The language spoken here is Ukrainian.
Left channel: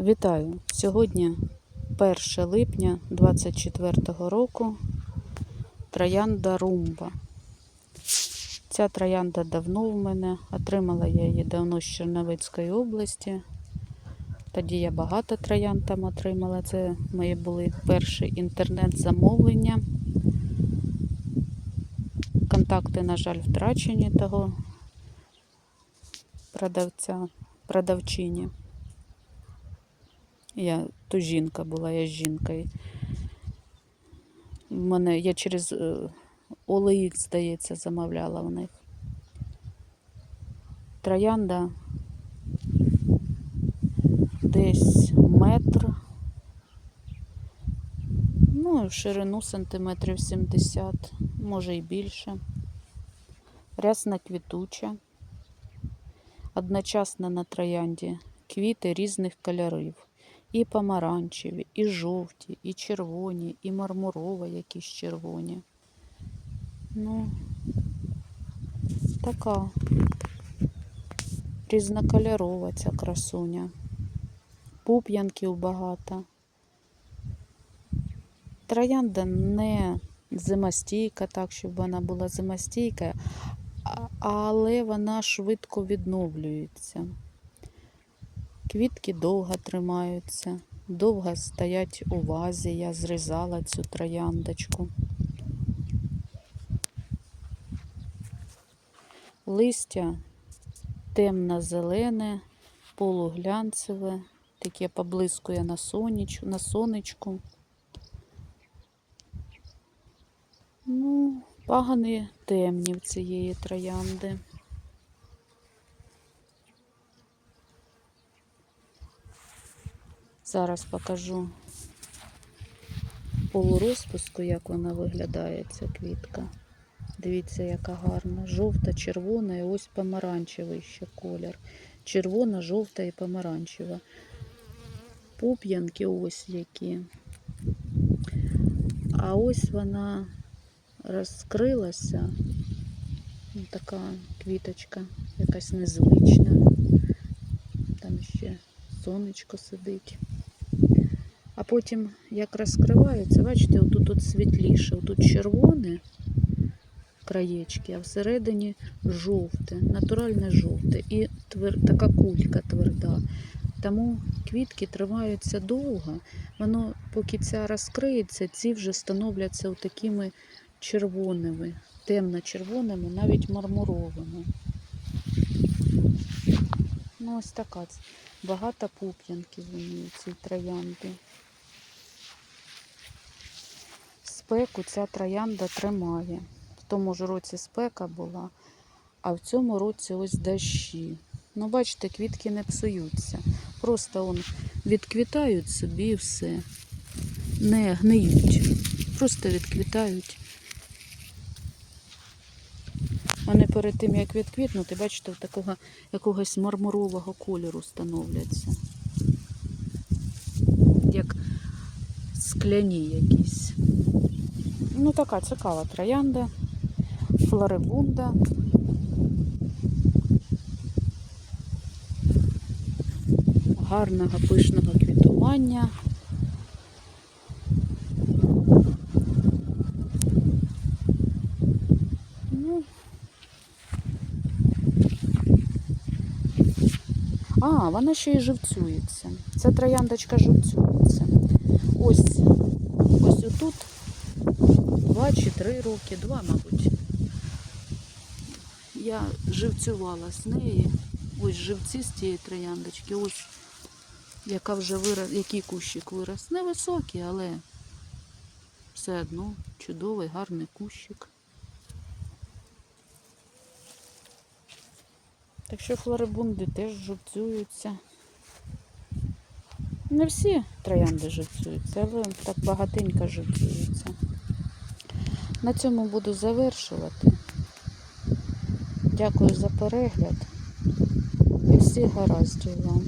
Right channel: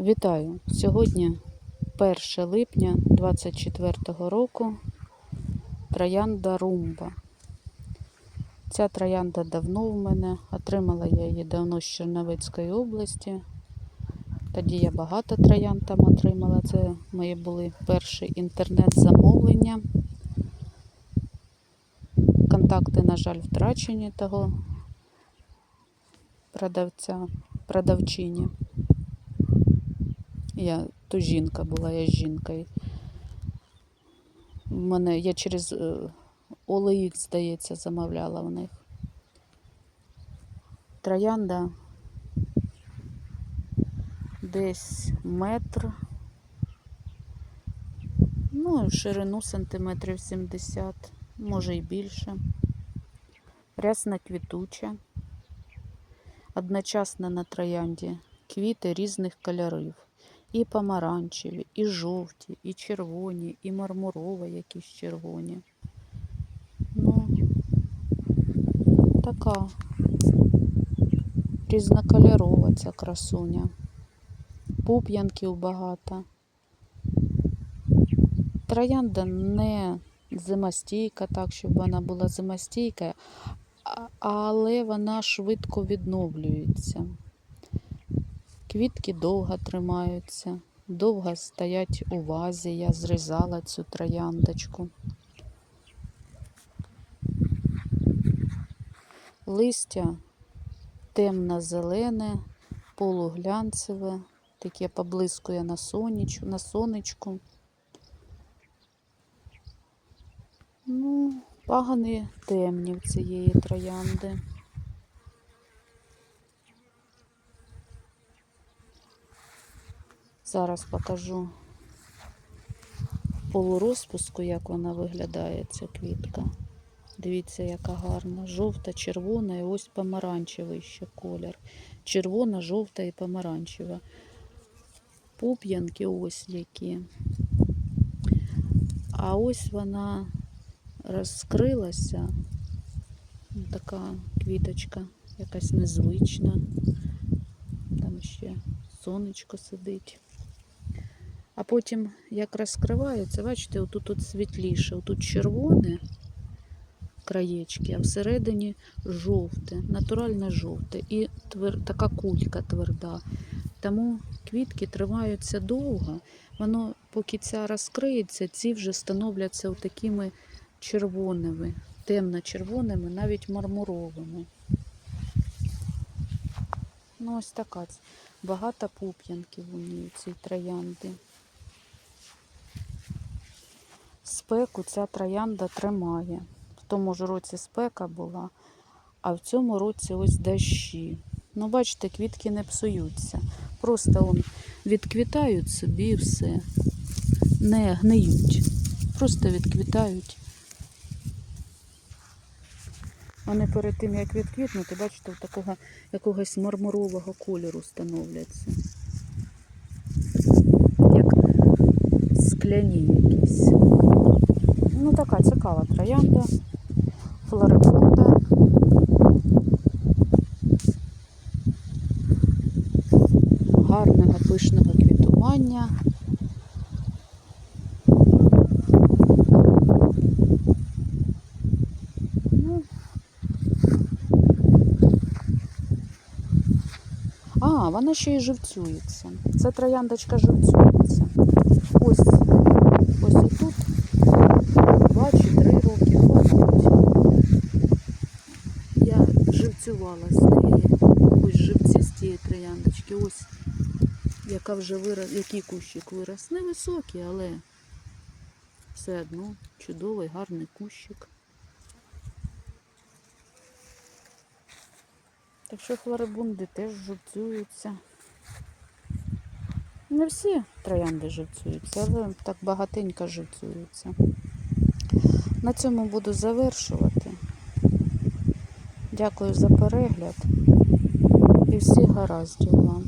Вітаю! Сьогодні 1 липня 24 року. Троянда Румба. Ця троянда давно в мене. Отримала я її давно з Черновицької області. Тоді я багато троянд там отримала. Це мої були перші інтернет-замовлення. Контакти, на жаль, втрачені того продавця, продавчині. Я то жінка була, я з жінкою. В мене я через е, OLX, здається, замовляла в них. Троянда десь метр. Ну, в ширину сантиметрів 70, може і більше. Рясна квітуча. Одночасно на троянді квіти різних кольорів. І помаранчеві, і жовті, і червоні, і мармурово якісь червоні. Ну, така різнокольорова ця красуня. Пуп'янків багато. Троянда не зимостійка, так, щоб вона була зимостійка, але вона швидко відновлюється. Квітки довго тримаються, довго стоять у вазі. Я зрізала цю трояндочку. Листя темно-зелене, полуглянцеве, таке поблискує на, соніч, на сонечку. Ну, пагани темні в цієї троянди. Зараз покажу полурозпуску, як вона виглядає, ця квітка. Дивіться, яка гарна. Жовта, червона і ось помаранчевий ще колір. Червона, жовта і помаранчева. Пуп'янки ось які. А ось вона розкрилася. Така квіточка, якась незвична. Там ще сонечко сидить. А потім, як розкривається, бачите, отут от світліше, отут червоне краєчки, а всередині жовте, натуральне жовте і твер... така кулька тверда. Тому квітки тримаються довго. Воно, поки ця розкриється, ці вже становляться такими червоними, темно-червоними, навіть мармуровими. Ну, ось така. Багато пуп'янків у ній, у цій троянди. Спеку ця троянда тримає. В тому ж році спека була, а в цьому році ось дощі. Ну, бачите, квітки не псуються. Просто он відквітають собі все. Не гниють. Просто відквітають. Вони перед тим, як відквітнути, бачите, в такого якогось мармурового кольору становляться. Як скляні якісь. Ну, така цікава троянда, флорибунда. Гарного пишного квітування. Ну, А, вона ще й живцюється. Це трояндочка живцюється. Ось, ось отут два чи три роки, два, мабуть. Я живцювала з неї. Ось живці з цієї трояндочки. Ось яка вже вирос, який кущик вирос. Невисокий, але все одно чудовий, гарний кущик. Так що флорибунди теж живцюються. Не всі троянди живцюються, але так багатенько живцюються. На цьому буду завершувати. Дякую за перегляд і всіх гараздів вам.